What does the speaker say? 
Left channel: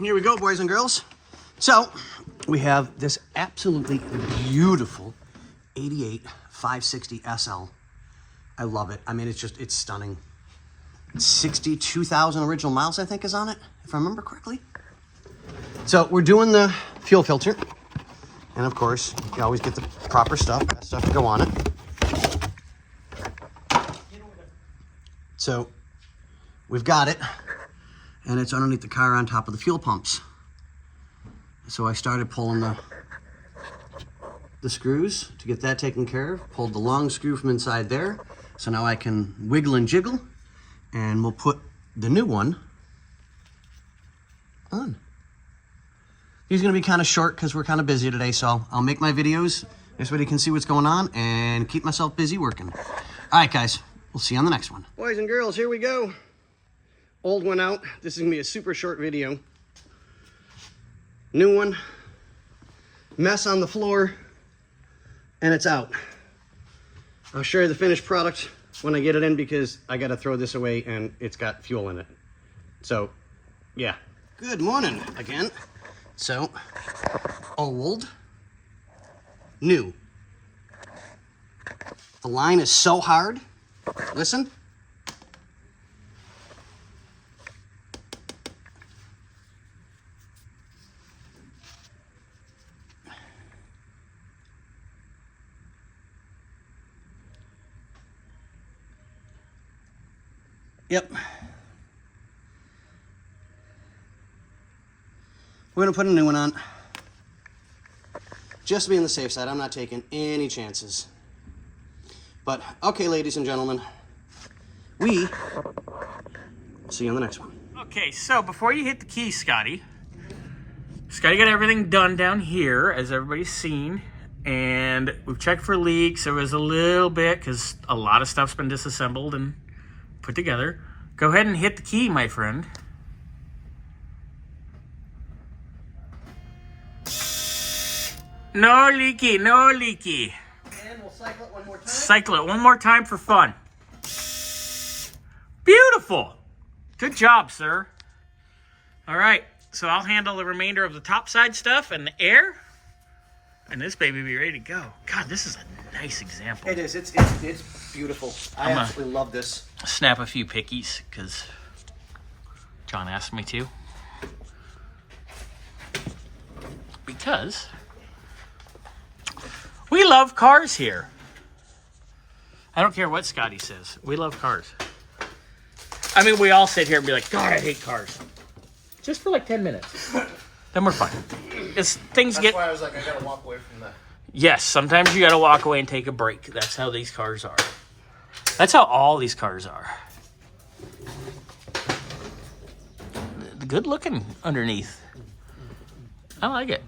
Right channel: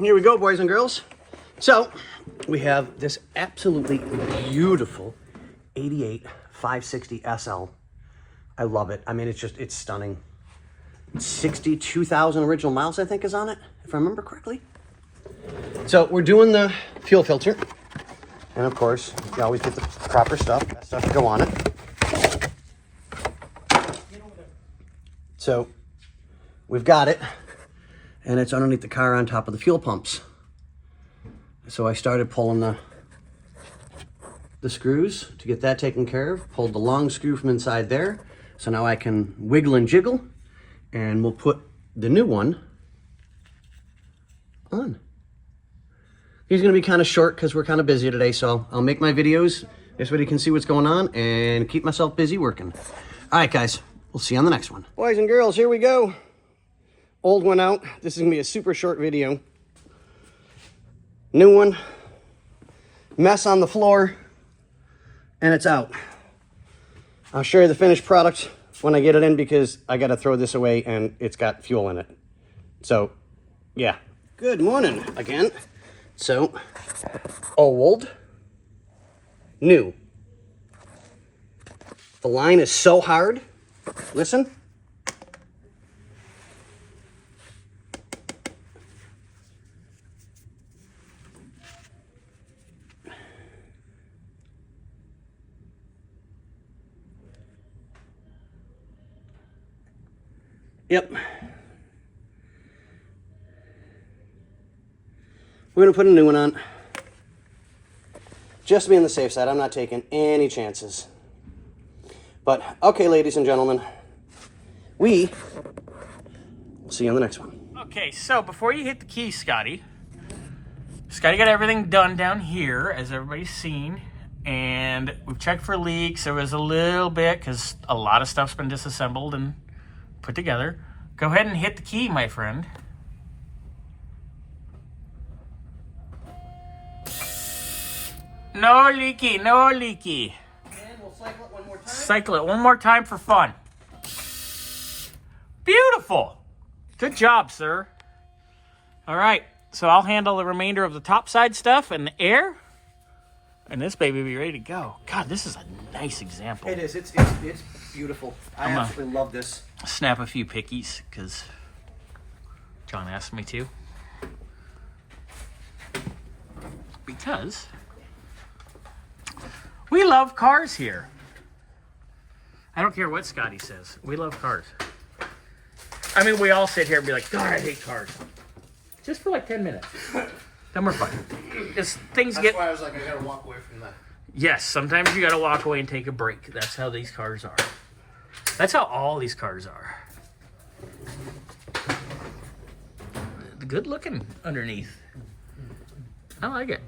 Here we go, boys and girls. So we have this absolutely beautiful 88 560 SL. I love it. I mean, it's stunning. 62,000 original miles, I think, is on it, if I remember correctly. So we're doing the fuel filter. And of course, you always get the proper stuff, that stuff to go on it. So we've got it, and it's underneath the car on top of the fuel pumps. So I started pulling the screws to get that taken care of, pulled the long screw from inside there. So now I can wiggle and jiggle, and we'll put the new one on. He's gonna be kind of short because we're kind of busy today, so I'll make my videos. This way you can see what's going on and keep myself busy working. All right, guys, we'll see you on the next one. Boys and girls, here we go. Old one out. This is gonna be a super short video. New one, mess on the floor, and it's out. I'll show you the finished product when I get it in because I gotta throw this away and it's got fuel in it. So, yeah. Good morning again. So, old, new. The line is so hard. Listen. Yep. We're gonna put a new one on. Just to be on the safe side, I'm not taking any chances. But, okay, ladies and gentlemen, we'll see you on the next one. Okay, so before you hit the key, Scotty got everything done down here, as everybody's seen. And we've checked for leaks. There was a little bit, because a lot of stuff's been disassembled and put together. Go ahead and hit the key, my friend. No leaky, no leaky. And we'll cycle it one more time. Cycle it one more time for fun. Beautiful. Good job, sir. All right, so I'll handle the remainder of the top side stuff and the air. And this baby will be ready to go. God, this is a nice example. It is. It's beautiful. I absolutely love this. Snap a few pickies because John asked me to. Because we love cars here. I don't care what Scotty says. We love cars. I mean, we all sit here and be like, God, I hate cars. Just for like 10 minutes. Then we're fine. That's why I was like, I gotta walk away from that. Yes, sometimes you gotta walk away and take a break. That's how these cars are. That's how all these cars are. Good looking underneath. I like it.